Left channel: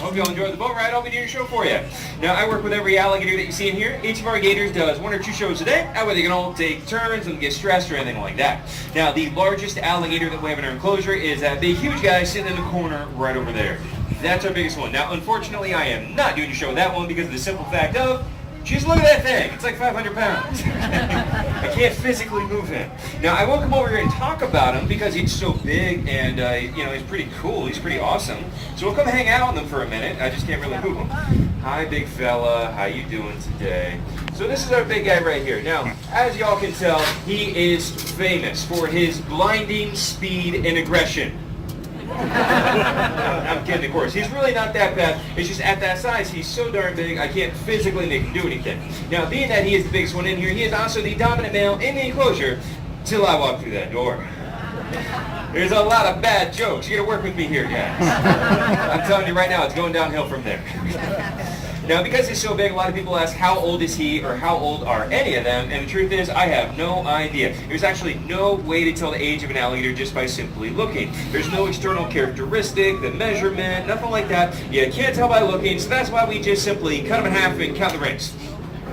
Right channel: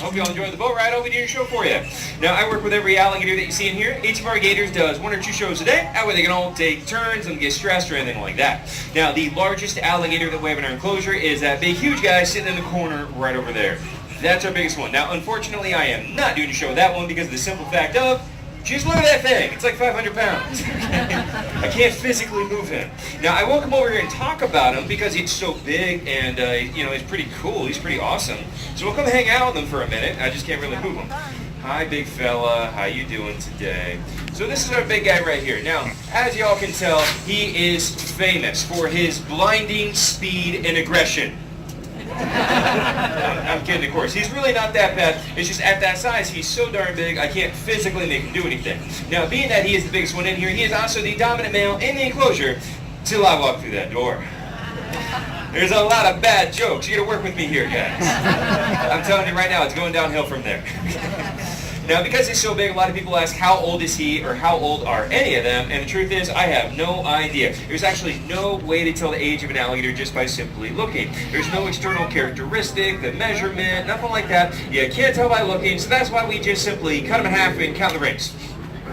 Hope you all enjoyed the boat ride. I'll be doing a show for you. Now, I work with every alligator that you see in here. Each of our gators does 1 or 2 shows a day. That way they can all take turns and get stressed or anything like that. Now, the largest alligator that we have in our enclosure is that big, huge guy sitting in the corner right over there. That's our biggest one. Now, unfortunately, I am not doing a show with that one because of the simple fact of, just look at that thing. It's like 500 pounds. I can't physically move him. Now, I will come over here and talk about him because he's so big and, he's pretty cool. He's pretty awesome. So we'll come hang out with him for a minute. I just can't really move him. Hi, big fella. How you doing today? So this is our big guy right here. Now, as y'all can tell, he is famous for his blinding speed and aggression. I'm kidding, of course. He's really not that bad. It's just at that size, he's so darn big, I can't physically make him do anything. Now, being that he is the biggest one in here, he is also the dominant male in the enclosure till I walk through that door. There's a lot of bad jokes. You gotta work with me here, guys. I'm telling you right now, it's going downhill from there. Now, because he's so big, a lot of people ask how old is he or how old are any of them, and the truth is, I have no idea. There's actually no way to tell the age of an alligator just by simply looking. There's no external characteristic, the measurement, nothing like that. You can't tell by looking, so that's why we just simply cut them in half and count the rings.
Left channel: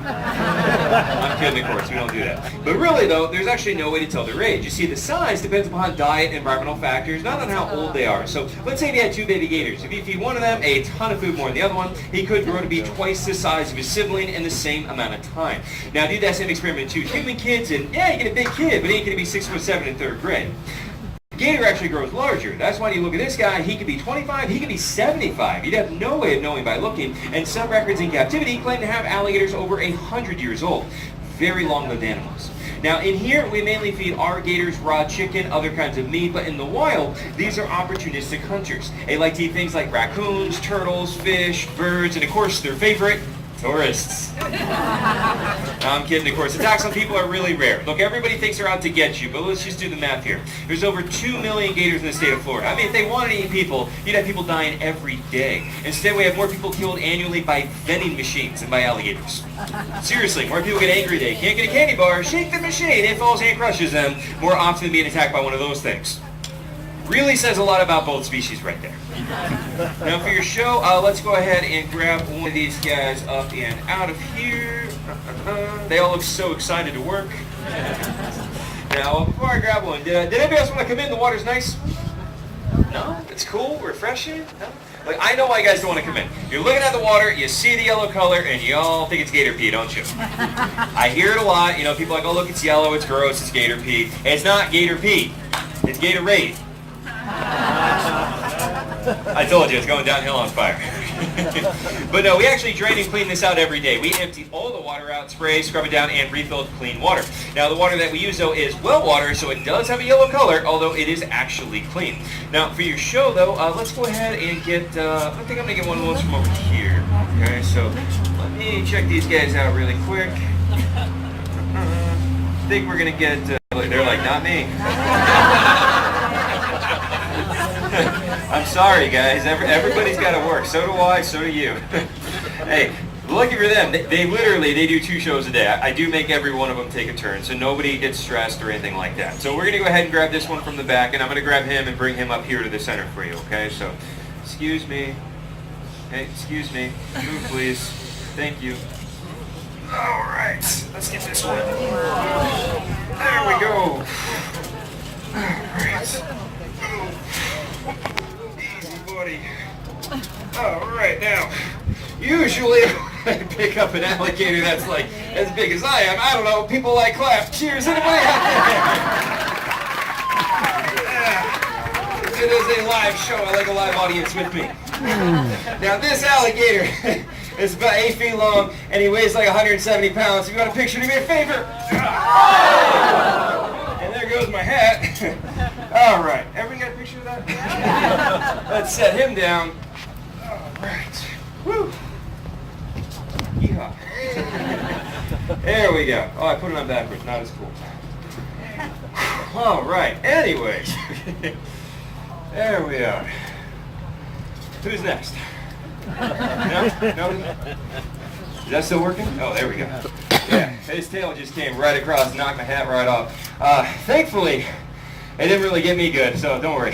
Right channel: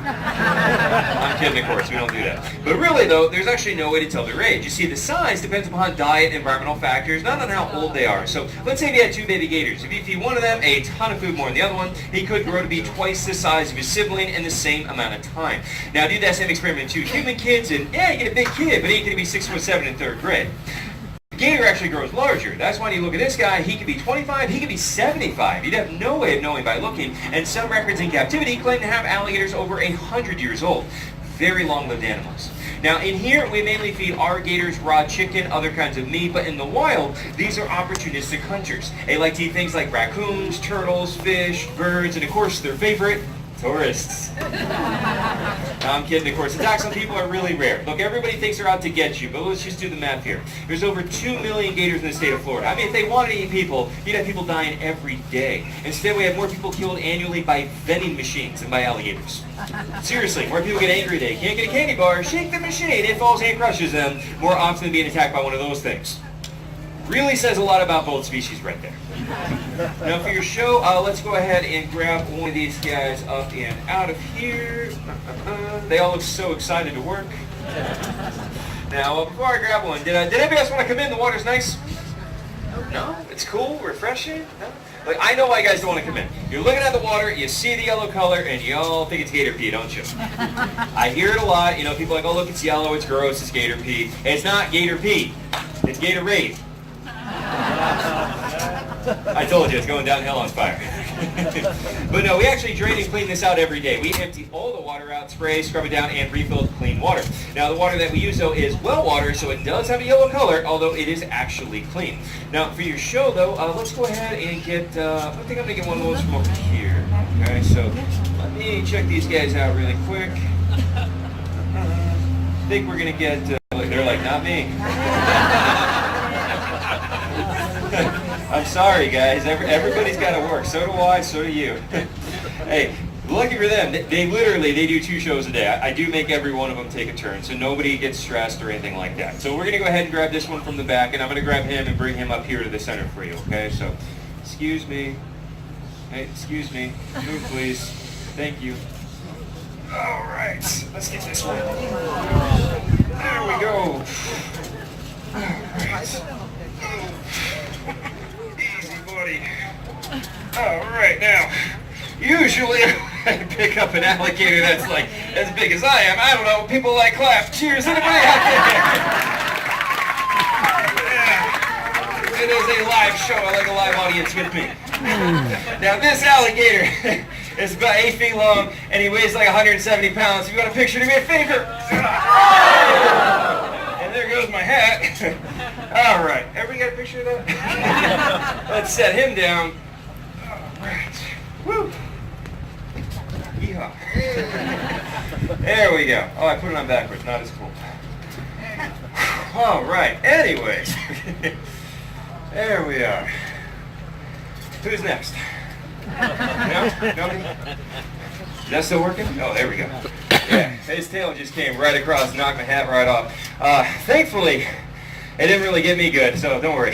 I'm kidding, of course, we don't do that. But really, though, there's actually no way to tell their age. You see, the size depends upon diet and environmental factors, not on how old they are. So let's say if you had 2 baby gators. If you feed one of them a ton of food more than the other one, he could grow to be twice the size of his sibling in the same amount of time. Now, do that same experiment to human kids, and yeah, you get a big kid, but he ain't going to be 6'7" in 3rd grade. Gator actually grows larger. That's why you look at this guy, he could be 25, he could be 75. You'd have no way of knowing by looking, and some records in captivity claim to have alligators over 100 years old. Very long-lived animals. Now, in here, we mainly feed our gators raw chicken, other kinds of meat, but in the wild, these are opportunistic hunters. They like to eat things like raccoons, turtles, fish, birds, and of course, their favorite, tourists. I'm kidding, of course. Attacks on people are really rare. Look, everybody thinks they're out to get you, but let's just do the math here. There's over 2 million gators in the state of Florida. I mean, if they wanted to eat people, you'd have people dying every day. Instead, we have more people killed annually by vending machines than by alligators. Seriously, more people get angry they can't get a candy bar, shake the machine, it falls and crushes them, more often than being attacked by one of those things. Really says a lot about both species right there. Now for your show, let's go ahead and grab one of these guys up and out of here. They all look so excited to work. Now, before I grab one, did anybody else want to come in? The water's nice? No? It's cool? Refreshing? No? Like, I know why you guys don't want to come in. You're looking at the water, you see the yellow color, and you all think it's gator pee, don't you? I hear it a lot. You know, people are like, oh, look, it's yellow, it's gross, it's gator pee. It's not gator pee. It's Gatorade. I told you, it's going downhill on fire. But no, we actually drain and clean this out every day. We empty all the water out, spray, scrub it down, and refill with clean water. Now, the water that we use, though, is well water, so it does have a yellow color, although it is actually clean. Now, for your show, though, let's go ahead and get, I think I'm going to get one of those from over here. Okay, so let me check these guys out really quick. I think we're going to get, they're like, not me. I'm sorry, guys. Everybody's got to work. So do I. So do you. Hey, lucky for them, they do 2 shows a day. I do make every one of them take a turn, so nobody gets stressed or anything like that. So we're going to go ahead and grab this one from the back, and I'm going to grab him and bring him up here to the center for you, okay? So, excuse me. Hey, excuse me. Move, please. Thank you. All right. Let's get this one. There we go. All right. Easy, buddy. All right, now, usually I pick up an alligator that's like as big as I am. I don't know, people like clap. Cheers, anybody out there? Yeah. It is a live show. I like a live audience with me. Now, this alligator is about 8 feet long, and he weighs like 170 pounds. If you want a picture, do me a favor. And there goes my hat. All right, everybody got a picture of that? Let's set him down. All right. Woo. Yeehaw. There we go. Oh, I put it on backwards. Not as cool. All right. Anyways, there we are. Who's next? No? Nobody? Is that still working? Oh, there we go. Yeah, his tail just came right across, knocked my hat right off. Thankfully, It didn't really get me good, so don't worry.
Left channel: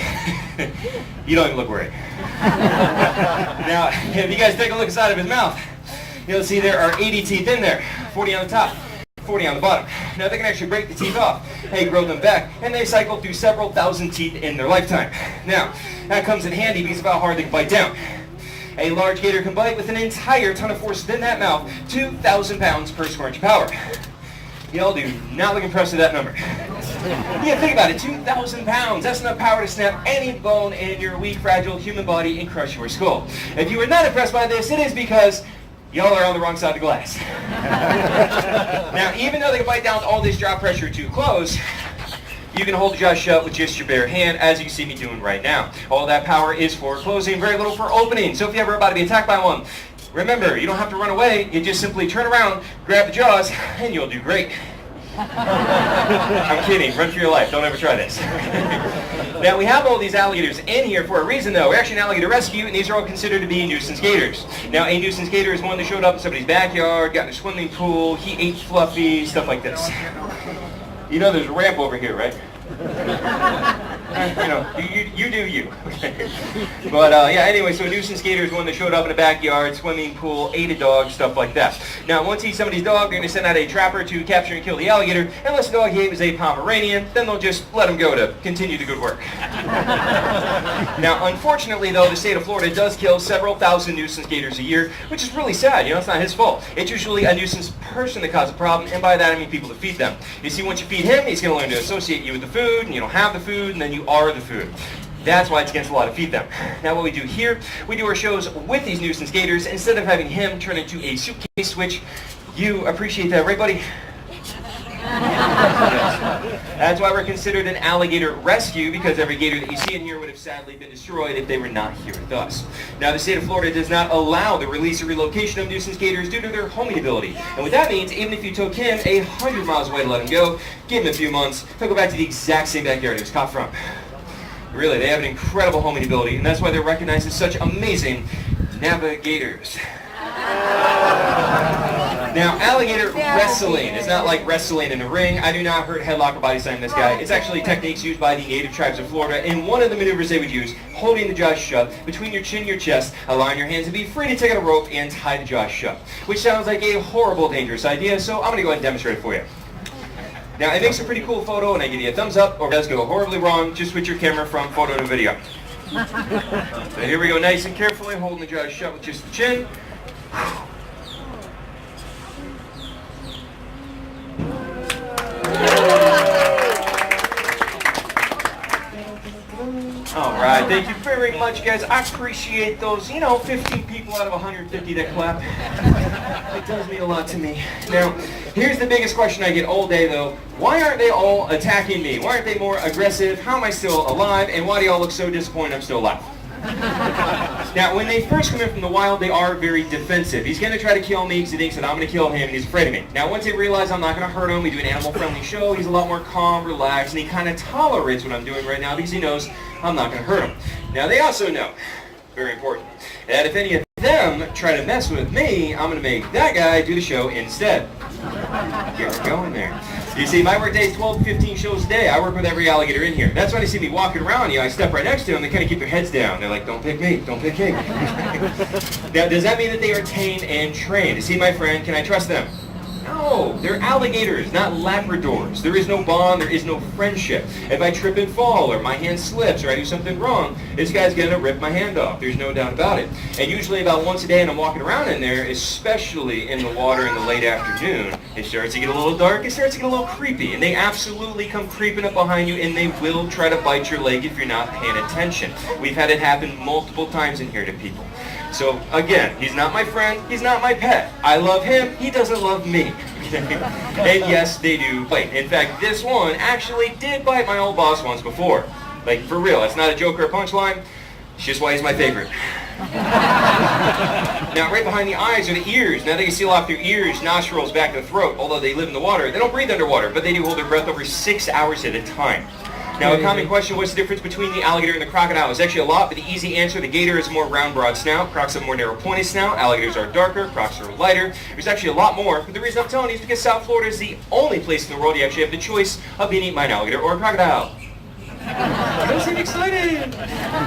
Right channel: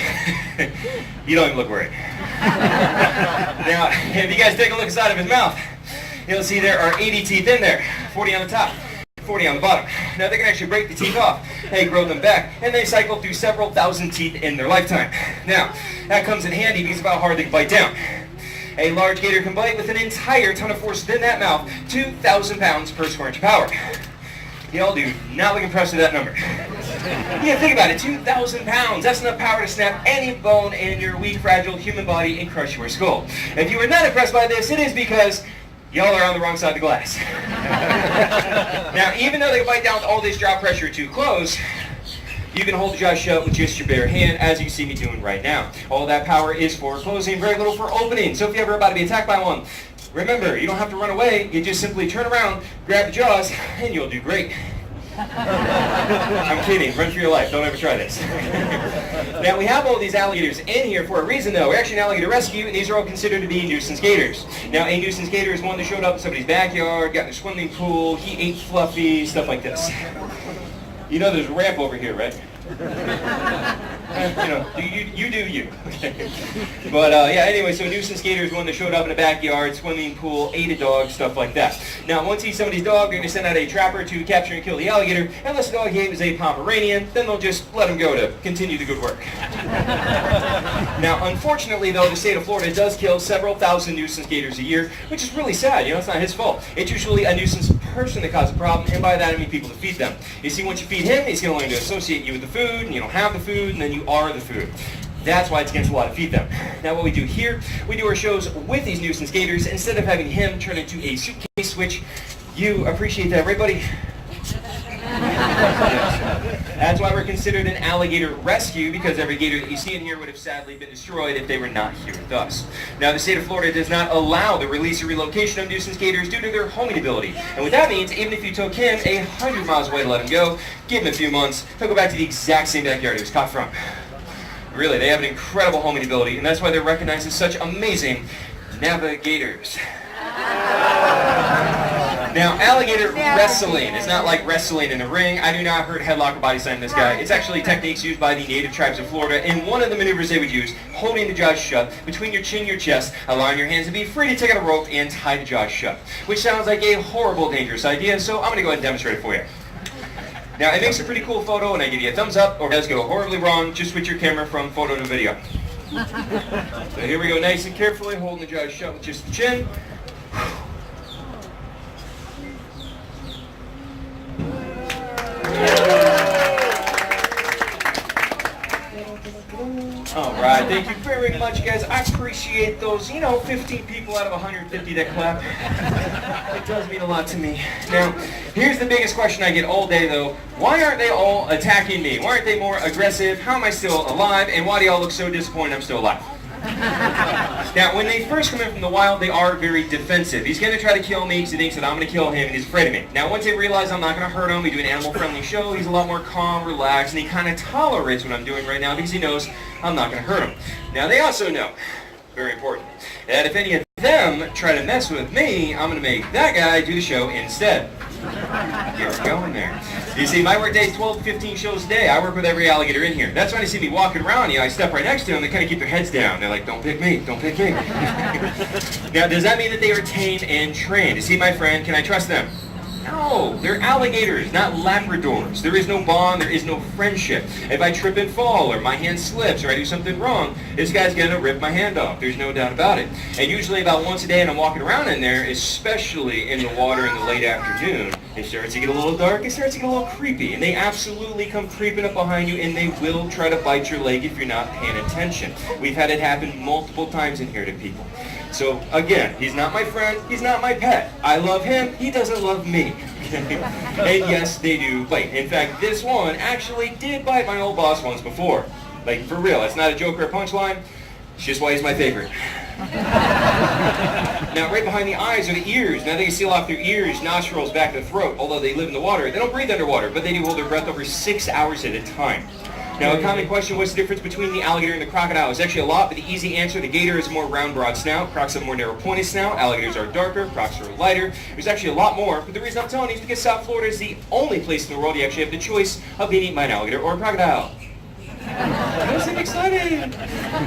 You don't even look worried. Now, if you guys take a look inside of his mouth, you'll see there are 80 teeth in there, 40 on the top, 40 on the bottom. Now they can actually break the teeth off and grow them back, and they cycle through several thousand teeth in their lifetime. Now, that comes in handy because of how hard they can bite down. A large gator can bite with an entire ton of force within that mouth, 2,000 pounds per square inch of power. Y'all do not look impressed with that number. Yeah, think about it, 2,000 pounds. That's enough power to snap any bone in your weak, fragile human body and crush your skull. If you were not impressed by this, it is because y'all are on the wrong side of the glass. Now, even though they can bite down with all this jaw pressure too close, you can hold the jaw shut with just your bare hand, as you see me doing right now. All that power is for closing, very little for opening. So if you're ever about to be attacked by one, remember, you don't have to run away. You just simply turn around, grab the jaws, and you'll do great. I'm kidding. Run for your life. Don't ever try this. Now, we have all these alligators in here for a reason, though. We're actually an alligator rescue, and these are all considered to be nuisance gators. Now, a nuisance gator is one that showed up in somebody's backyard, got in a swimming pool, he ate Fluffy, stuff like this. You know there's a ramp over here, right? You know, you do you. Okay. But yeah, anyway, so a nuisance gator is one that showed up in a backyard, swimming pool, ate a dog, stuff like that. Now, once he's somebody's dog, they're going to send out a trapper to capture and kill the alligator. Unless the dog he ate is a Pomeranian, then they'll just let him go to continue the good work. Now, unfortunately, though, the state of Florida does kill several thousand nuisance gators a year, which is really sad. You know, it's not his fault. It's usually a nuisance person that causes a problem, and by that I mean people that feed them. You see, once you feed him, he's going to learn to associate you with the food, and you don't have the food, and then you are the food. That's why it's against the law to feed them. Now what we do here, we do our shows with these nuisance gators instead of having him turn into a suitcase, which you appreciate that, right, buddy? Yes. That's why we're considered an alligator rescue, because every gator that you see in here would have sadly been destroyed if they were not here with us. Now, the state of Florida does not allow the release or relocation of nuisance gators due to their homing ability. And what that means, even if you took him 100 miles away to let him go, give him a few months, he'll go back to the exact same backyard he was caught from. Really, they have an incredible homing ability, and that's why they're recognized as such amazing navigators. Now, alligator wrestling is not like wrestling in a ring. I do not hurt headlock or body slam this guy. It's actually techniques used by the native tribes of Florida, and one of the maneuvers they would use, holding the jaws shut between your chin and your chest, allowing your hands to be free to take out a rope and tie the jaws shut, which sounds like a horrible, dangerous idea, so I'm going to go ahead and demonstrate it for you. Now, it makes a pretty cool photo, and I give you a thumbs up, or it does go horribly wrong. Just switch your camera from photo to video. So here we go, nice and carefully, holding the jaws shut with just the chin. Alright, thank you very much, guys. I appreciate those, 15 people out of 150 that clap. It does mean a lot to me. Now, here's the biggest question I get all day, though. Why aren't they all attacking me? Why aren't they more aggressive? How am I still alive? And why do y'all look so disappointed I'm still alive? Now, when they first come in from the wild, they are very defensive. He's going to try to kill me because he thinks that I'm going to kill him, and he's afraid of me. Now, once they realize I'm not going to hurt him, we do an animal-friendly show, he's a lot more calm, relaxed, and he kind of tolerates what I'm doing right now because he knows I'm not going to hurt him. Now, they also know, very important, that if any of them try to mess with me, I'm going to make that guy do the show instead. Get her going there. You see, my work day is 12 to 15 shows a day. I work with every alligator in here. That's why they see me walking around, I step right next to them, they kind of keep their heads down. They're like, don't pick me, don't pick me. Now, does that mean that they are tamed and trained? You see, my friend, can I trust them? No, they're alligators, not Labradors. There is no bond, there is no friendship. If I trip and fall, or my hand slips, or I do something wrong, this guy's gonna rip my hand off. There's no doubt about it. And usually about once a day, and I'm walking around in there, especially in the water in the late afternoon, it starts to get a little dark, it starts to get a little creepy, and they absolutely come creeping up behind you, and they will try to bite your leg if you're not paying attention. We've had it happen multiple times in here to people. So again, he's not my friend, he's not my pet. I love him, he doesn't love me. And yes, they do bite. In fact, this one actually did bite my old boss once before. Like, for real, it's not a joke or a punchline, it's just why he's my favorite. Now, right behind the eyes are the ears. Now they can seal off their ears, nostrils, back to the throat. Although they live in the water, they don't breathe underwater, but they do hold their breath over 6 hours at a time. Now, a common question, what's the difference between the alligator and the crocodile? It's actually a lot, but the easy answer, the gator is more round, broad snout. Crocs have more narrow, pointed snout. Alligators are darker. Crocs are lighter. There's actually a lot more, but the reason I'm telling you is because South Florida is the only place in the world you actually have the choice of being eaten by an alligator or a crocodile. You seem excited.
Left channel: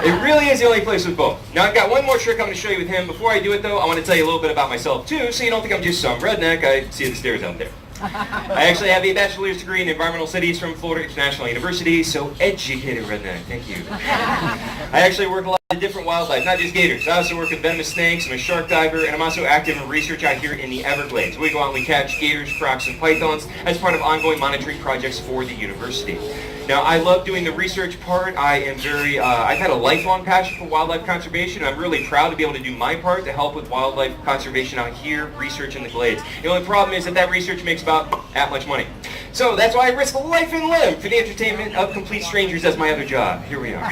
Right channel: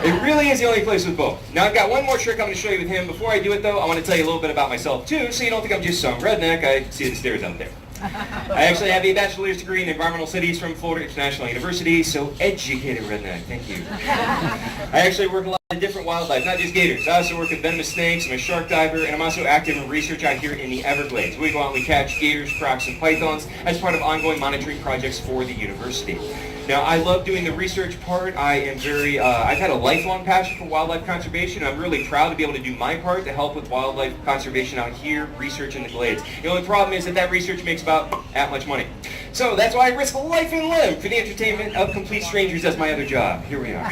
It really is the only place with both. Now I've got one more trick I'm going to show you with him. Before I do it though, I want to tell you a little bit about myself too, so you don't think I'm just some redneck. I see the stairs out there. I actually have a bachelor's degree in environmental studies from Florida International University, so educated redneck, thank you. I actually work a lot of different wildlife, not just gators. I also work with venomous snakes, I'm a shark diver, and I'm also active in research out here in the Everglades. We go out and we catch gators, crocs, and pythons as part of ongoing monitoring projects for the university. Now, I love doing the research part. I've had a lifelong passion for wildlife conservation. I'm really proud to be able to do my part to help with wildlife conservation out here, research in the glades. The only problem is that research makes about that much money. So that's why I risk life and limb for the entertainment of complete strangers as my other job. Here we are.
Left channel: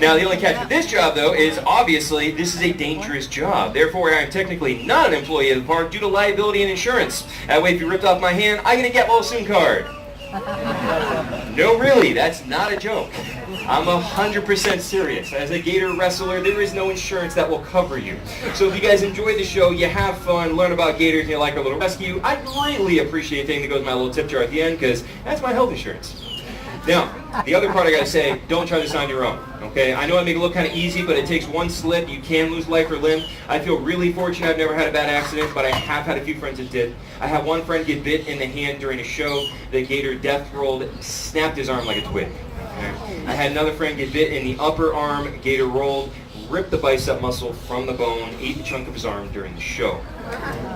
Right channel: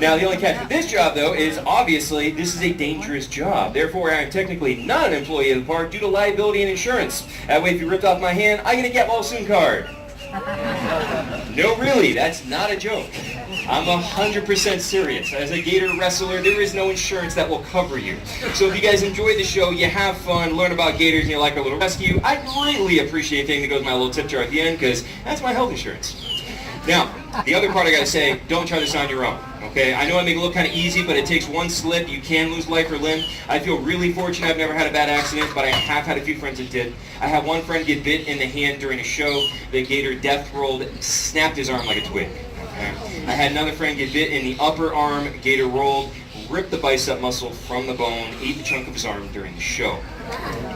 Now, the only catch with this job, though, is obviously this is a dangerous job. Therefore, I am technically not an employee of the park due to liability and insurance. That way, if you ripped off my hand, I get a get well soon card. No, really, that's not a joke. I'm 100% serious. As a gator wrestler, there is no insurance that will cover you. So if you guys enjoy the show, you have fun, learn about gators, and you like our little rescue, I really appreciate anything that goes in my little tip jar at the end, because that's my health insurance. Now, the other part I gotta say, don't try this on your own, okay? I know I make it look kind of easy, but it takes one slip, you can lose life or limb. I feel really fortunate I've never had a bad accident, but I have had a few friends that did. I had one friend get bit in the hand during a show. The gator death rolled, snapped his arm like a twig. Okay? I had another friend get bit in the upper arm, gator rolled, ripped the bicep muscle from the bone, ate the chunk of his arm during the show.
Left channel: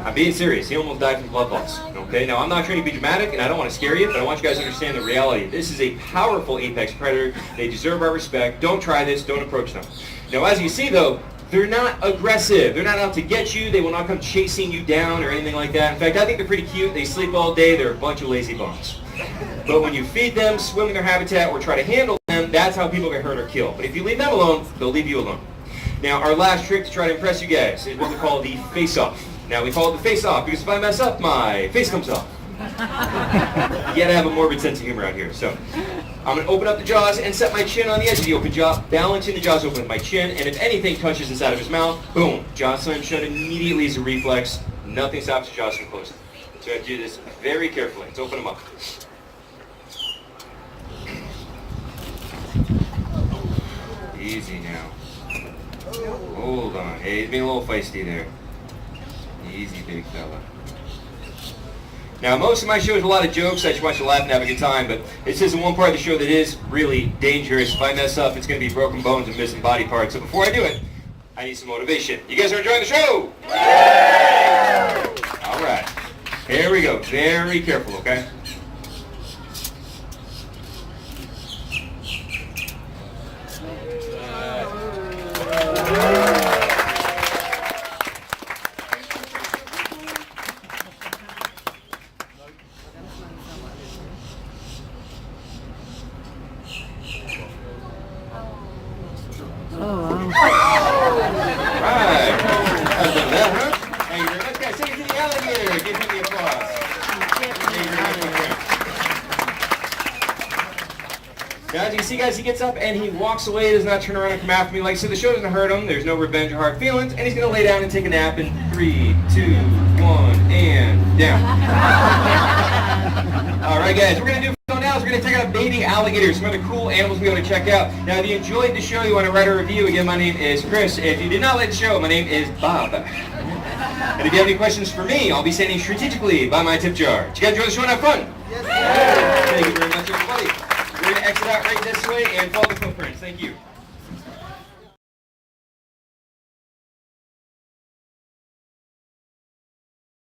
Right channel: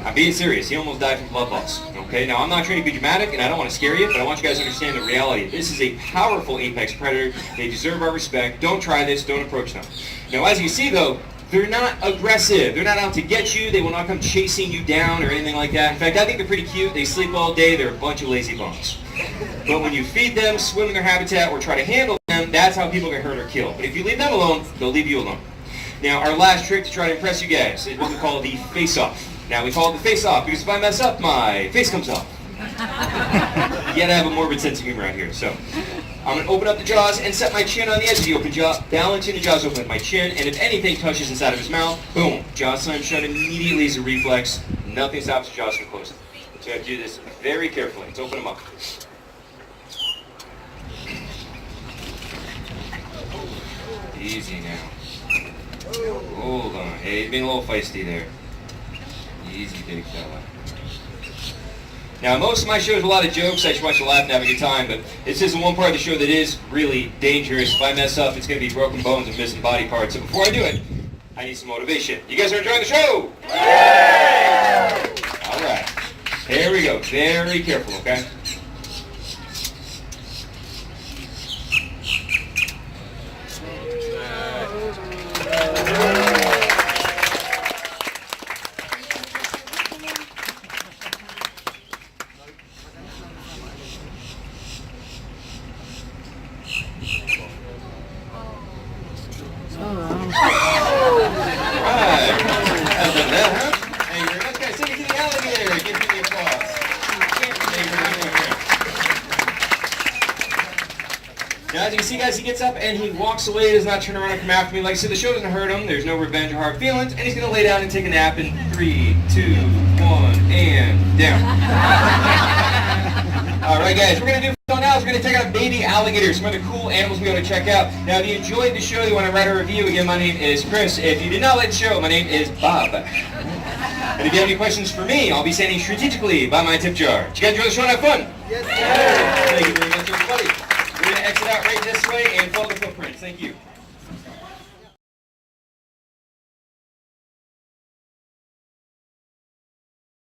I'm being serious. He almost died from blood loss. Okay, now I'm not trying to be dramatic, and I don't want to scare you, but I want you guys to understand the reality. This is a powerful apex predator. They deserve our respect. Don't try this. Don't approach them. Now, as you see, though, they're not aggressive. They're not out to get you. They will not come chasing you down or anything like that. In fact, I think they're pretty cute. They sleep all day. They're a bunch of lazy bums. But when you feed them, swim in their habitat, or try to handle them, that's how people get hurt or killed. But if you leave them alone, they'll leave you alone. Now, our last trick to try to impress you guys is what we call the face-off. Now, we call it the face-off because if I mess up, my face comes off. You gotta have a morbid sense of humor out here. So, I'm gonna open up the jaws and set my chin on the edge of the open jaw, balancing the jaws open with my chin, and if anything touches inside of his mouth, boom, jaw slam shut immediately as a reflex. Nothing stops the jaws from closing. So I have to do this very carefully. Let's open them up. Easy now. Hold on. Hey, he's being a little feisty there. Easy, big fella. Now, most of my show is a lot of jokes. I just want you to laugh and have a good time, but this is the one part of the show that is really dangerous. If I mess up, it's going to be broken bones and missing body parts. So before I do it, I need some motivation. You guys are enjoying the show? Yeah! All right. Here we go. Very careful, okay? Now, as you can see, guys, he gets up and he walks away, does not turn around and come after me. Like I said, the show doesn't hurt him. There's no revenge or hard feelings. And he's going to lay down and take a nap in 3, 2, 1, and down. All right, guys, we're going to do so now is we're going to check out baby alligators, some other cool animals we want to check out. Now, if you enjoyed the show, you want to write a review, again, my name is Chris. If you did not like the show, my name is Bob. And if you have any questions for me, I'll be standing strategically by my tip jar. Did you guys enjoy the show and have fun? Yes, sir. Thank you very much, everybody. We're going to exit out right this way and follow the footprints. Thank you.